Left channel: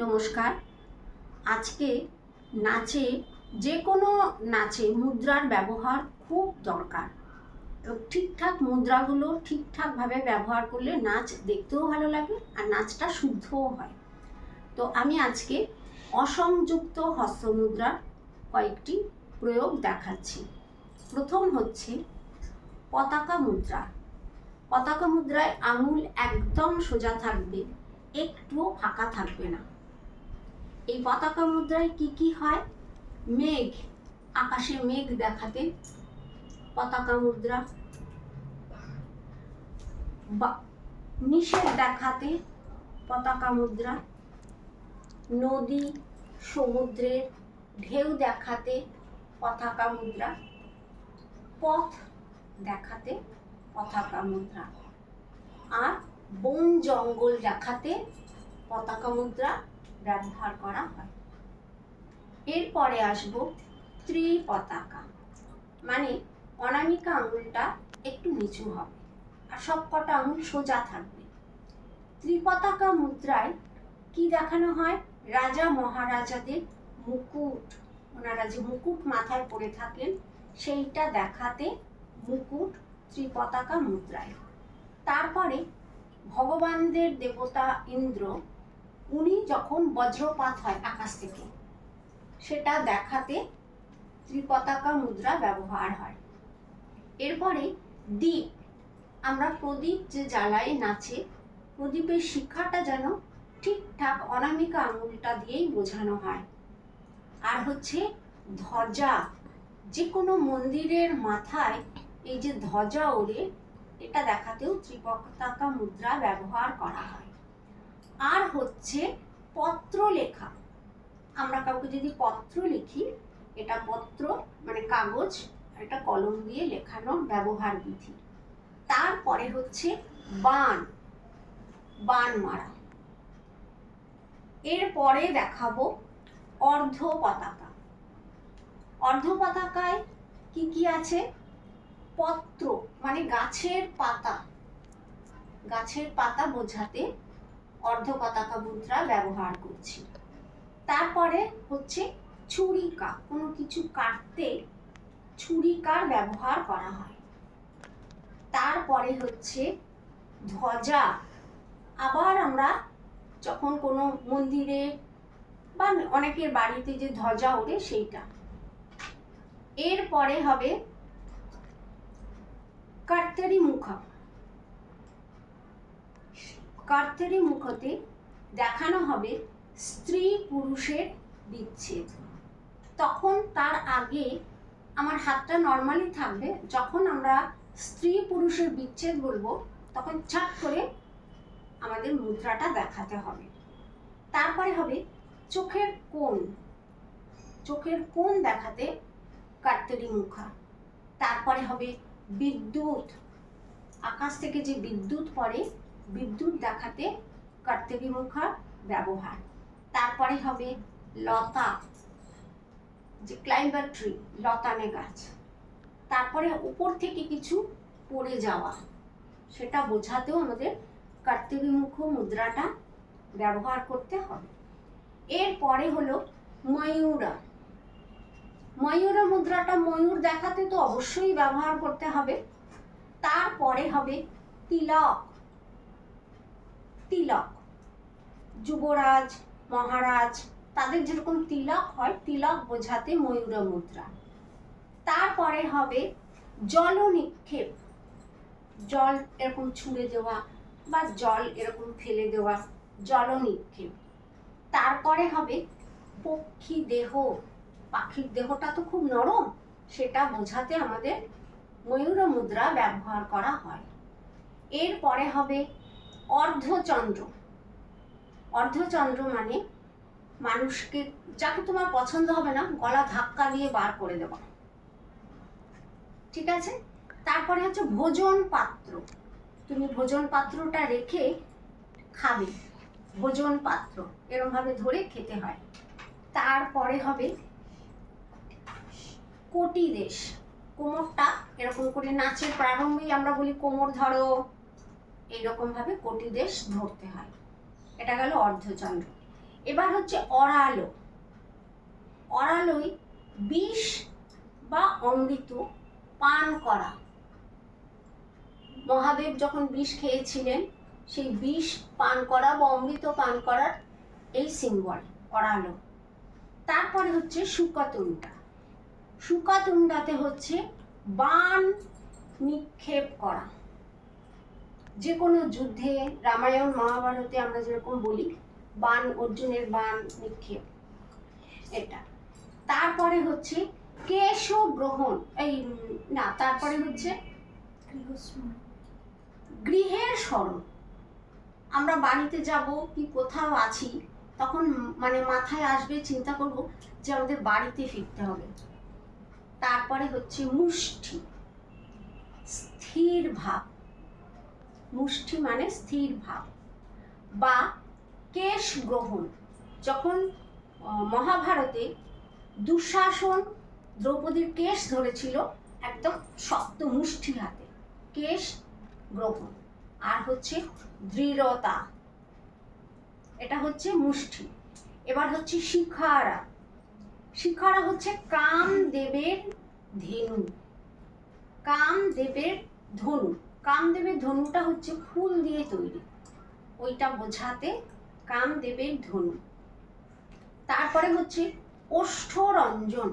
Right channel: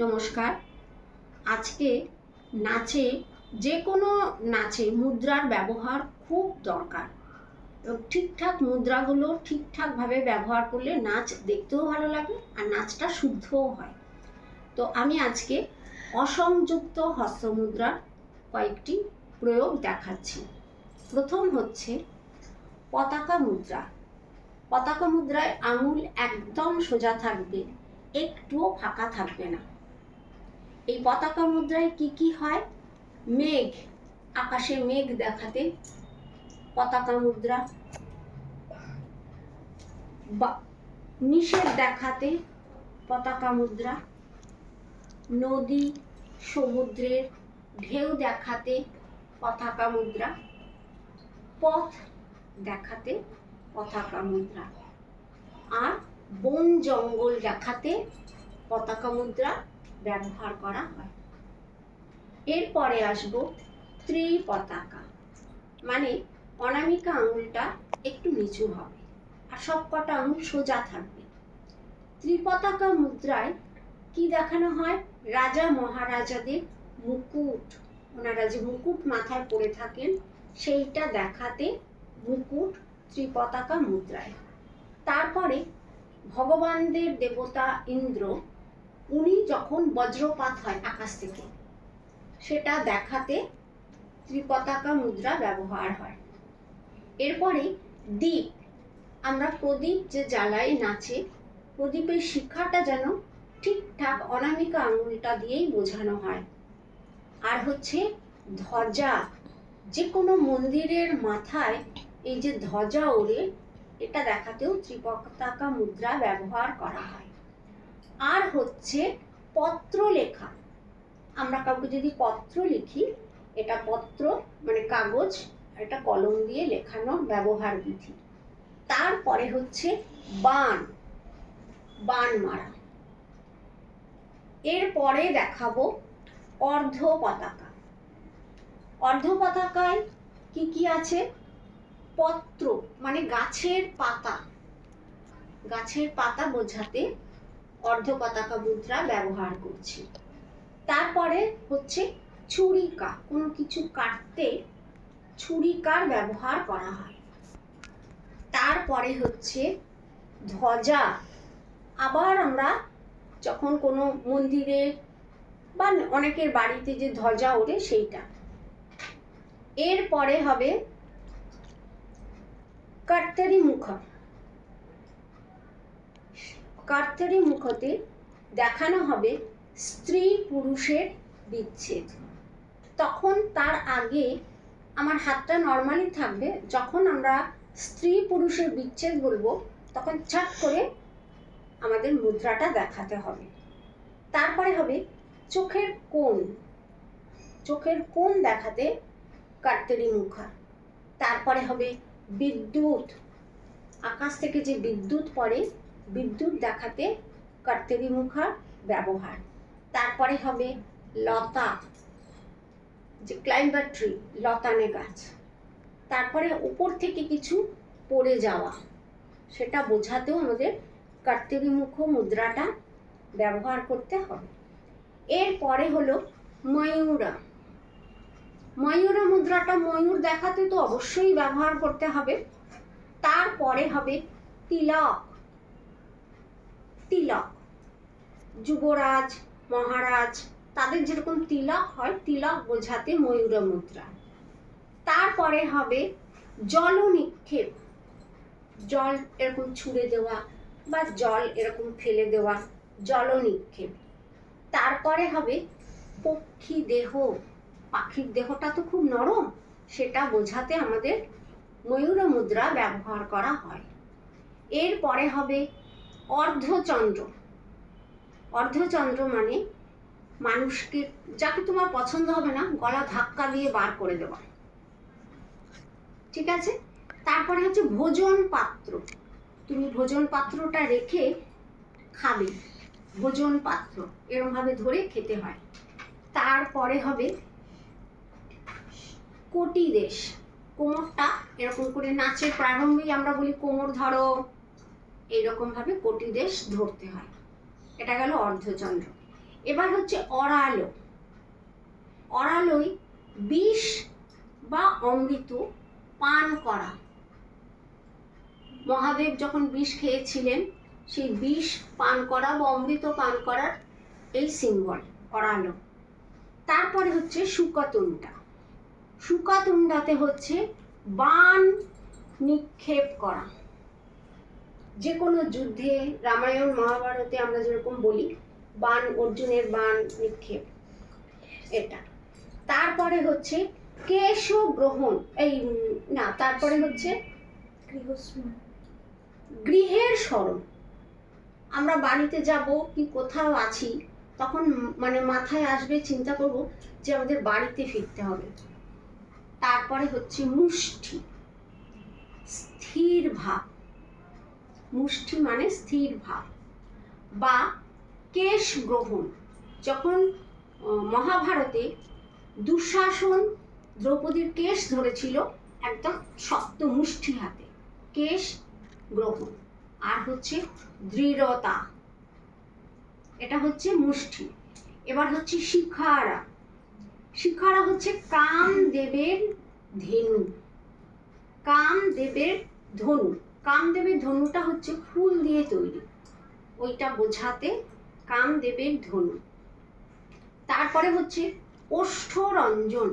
নমস্কার। আজকে নাচে যে কোনো নাচে মুদ্রার ব্যবহার খুব দরকার এবং ঠিকঠাক মুদ্রাগুলো ঠিকঠাকভাবে ব্যবহার করলে নাচ দেখতেও ভালো লাগে আর নাচটা শুদ্ধও হয়। তো আমি আজকে অসংযুক্ত হস্তমুদ্রার কয়েকটি প্রয়োগ দেখাচ্ছি। প্রথম হচ্ছে পতাকা মুদ্রা। পতাকা মুদ্রায় আঙুল একদম সোজা থাকবে, একটুও ফাঁকা থাকবে না। এই পতাকা মুদ্রায় কি কি হয়? মেঘ, আকাশে মেঘ দেখাতে পতাকা মুদ্রা, নিষেধ দেখাতে পতাকা মুদ্রা, নদী সমুদ্রের ঢেউ দেখাতে পতাকা মুদ্রা, পথ দেখাতে পতাকা মুদ্রা, আর বন জঙ্গল দেখাতে পতাকা মুদ্রা ব্যবহার করা হয়। এরপরে আসবো ত্রিপতাকা, মানে অনামিকা আঙুলটা একটু নিচু হবে আর সবকটা আঙুল সোজা থাকবে। ত্রিপতাকা মুদ্রায় কি দেখানো হয়? রাজা মহারাজাদের মুকুট, ওনারা যে মুকুট মাথায় পরে থাকেন সেইটা দেখাতে মুকুট ত্রিপতাকা মুদ্রায়। তারপরে ভগবানদের দেবতা ইন্দ্র, উনি যখন বজ্রপাত হয় আকাশ থেকে সেটা দেখাতে ত্রিপতাকা মুদ্রা ব্যবহার হয়। এরপরে দ্বীপ, আমরা প্রদীপ যে জ্বালাই নাচে, প্রদীপের শিখাটা যেন ঠিকঠাক অনামিকা আঙুলটা দিয়েই বোঝানো হয়। আর হচ্ছে ধ্বজা, যে কোনো মন্দিরের মাথায় এই যে ধ্বজা ওড়ে, এটা দেখাতেও ত্রিপতাকা মুদ্রা ব্যবহার করা হয়। আর হচ্ছে পত্র লেখা, আমরা কাউকে যদি পত্র লিখি, এটা পত্র মানে কাগজ, এটা কলম দিয়ে লেখানো ব্যবহার বিধি। তারপরে হচ্ছে বান, বান মারা। এরপরে দেখাবো অর্ধ পতাকা। অর্ধ পতাকায় কি কি আছে? পত্র মানে গাছের পাতা, গাছের পাতা বোঝাতে অর্ধ পতাকা মুদ্রা ব্যবহার করছি। তারপরে হচ্ছে ছুরিকা, কোনো কিছু কাটতে ছুরিকার ব্যবহার করা হয়। তারপরে হচ্ছে ধ্বজা, আবার আমরা যখন কোনো মন্দিরে বা অনেকের বাড়িতে যে ধ্বজা ওড়ে সেইটা। এরপরে হবে কর্তারি মুখ। কর্তারি মুখতে দেখানো হবে স্ত্রী পুরুষের বিচ্ছেদ। তখন তার আগে আমার হাতটা নর্মালি থাকবে, যখন আমরা স্ত্রী পুরুষের বিচ্ছেদ বলবো তখন ছাট করে আমাদের মুদ্রাটা দেখাতে হবে। তারপরে হবে চোখের কোণ, চোখের কোণ দেখাতে কর্তারি মুখা। তারপরে হবে বিদ্যুৎ, আকাশ থেকে যে বিদ্যুৎ পড়ে, বিদ্যুৎ দেখাতে কর্তারি মুখা ব্যবহার। তারপরে হবে লতা, যে ক্লাইম্বার ট্রি, লতানে গাছ। তারপরে উপর থেকে কিছু পড়ে যাওয়া, সেটা বোঝাতেও আমাদের কর্তারি মুখ মুদ্রাটা ব্যবহার করতে হবে। এরপরে হলো ময়ূরা। ময়ূরা মুদ্রাটা ময়ূর দেখাতে তো অবশ্যই ব্যবহার করতে হবে। তারপরে হবে তিলক। তিলক, যুবরাজ মহারাজ তাদের যেরকম তিলক হয়, তিলক বোঝাতে ময়ূরা মুদ্রা। তারপরে হবে জল নিক্ষেপ, জল এরকম ছুঁড়ে দেওয়া বা জল এরকম ফেলে দেওয়া, জল নিক্ষেপ। তারপরে হবে পক্ষী দেহ, পাখির দেহটা তো খুব নরম, সেটা বোঝাতে আমাদের ময়ূর মুদ্রা ব্যবহার করা হয়। এরপরে হবে অর্ধচন্দ্র। অর্ধচন্দ্র মানে মানুষকে, যাকে তোমার পছন্দ হবে না, গলা ধাক্কা দিয়ে বার করে দেওয়া, ঠিক আছে? তারপরে হচ্ছে ভোজন পাত্র, তুমি ভোজন পাত্রটা রেখে খাবে, ভোজন পাত্র এরকম ভাবে ধরে খেতে হয়। তারপরে হবে কোটি দেশ, কোমরটা এরকম করে নাচের প্রারম্ভেই আমরা বলি কোমর ধরো, এইরকম ভাবে কোটি দেশ ধরতে হয়। এটা গেল অর্ধচন্দ্র। এবার হচ্ছে অরালো। অরালোই বিষ বা অমৃত পান করা। মহাদেব যখন বিষ খেয়েছিলেন, সেই বিষ পান করা বা অমৃত পান করার এই সিম্বল অরালো। তারপরে হচ্ছে শুকতুণ্ডা। শুকতুণ্ডাতে হচ্ছে বাণ নিক্ষেপ করা। যে কোনো যুদ্ধে, রামায়ণ মহাভারতে আমরা যেরকম বলি বাণ, অর্জুনের বাণ নিক্ষেপ, এটা। তারপরে হচ্ছে কেশ গ্রহণ, তারপরে হচ্ছে গৃহের স্মরণ। আমরা বাড়িতে যাব কি কোথাও আছি, তখন মানে মাথায় আসবে, চিন্তা করব যে আমাদের বাড়িতে ফিরতে হবে। তারপরে হচ্ছে মুষ্টি, স্থির ভাব। মুষ্টি মানে স্থির ভাব। বা কেশ গ্রহণ, যখন মহাভারতে দুঃশাসন দ্রৌপদীর কেশ ধরেছিল একদম শক্ত মুষ্টি হাতে, কেশ গ্রহণ। আর হচ্ছে দৃঢ়তা, এটা হচ্ছে মুষ্টি। এবার হচ্ছে শিখারা। শিখারা হচ্ছে কামদেবের ধেনু, কামদেবের ধনু। কামদেবের ধনুটা হচ্ছে ফুল দিয়ে তৈরি, ওইটা বোঝাতে কামদেবের ধনু। তারপরে হচ্ছে ওষ্ঠরঞ্জন।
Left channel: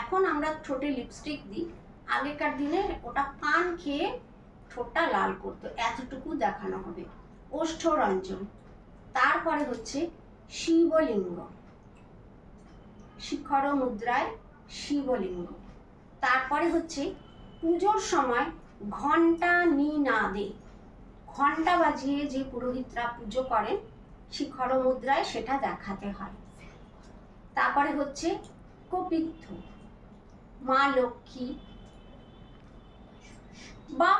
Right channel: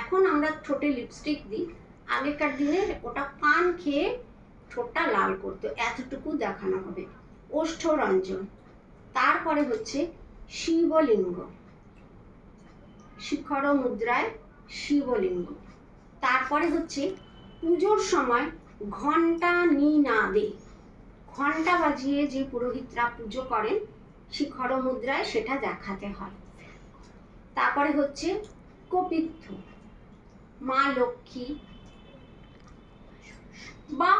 এখন আমরা ঠোঁটে লিপস্টিক দিই, আগেকার দিনে ওটা পান খেয়ে ঠোঁটটা লাল করতো, এতটুকু দেখানো হবে, ওষ্ঠরঞ্জন। তারপরে হচ্ছে শিবলিঙ্গ, শিখর মুদ্রায় শিবলিঙ্গ। তারপরে হচ্ছে পুজোর সময় ঘণ্টা নিনাদে, ঘণ্টা বাজিয়ে যে পুরোহিতরা পুজো করেন শিখর মুদ্রায়, সেটা দেখাতে হয়। তারপরে হচ্ছে কপিত্থ, মা লক্ষ্মী বা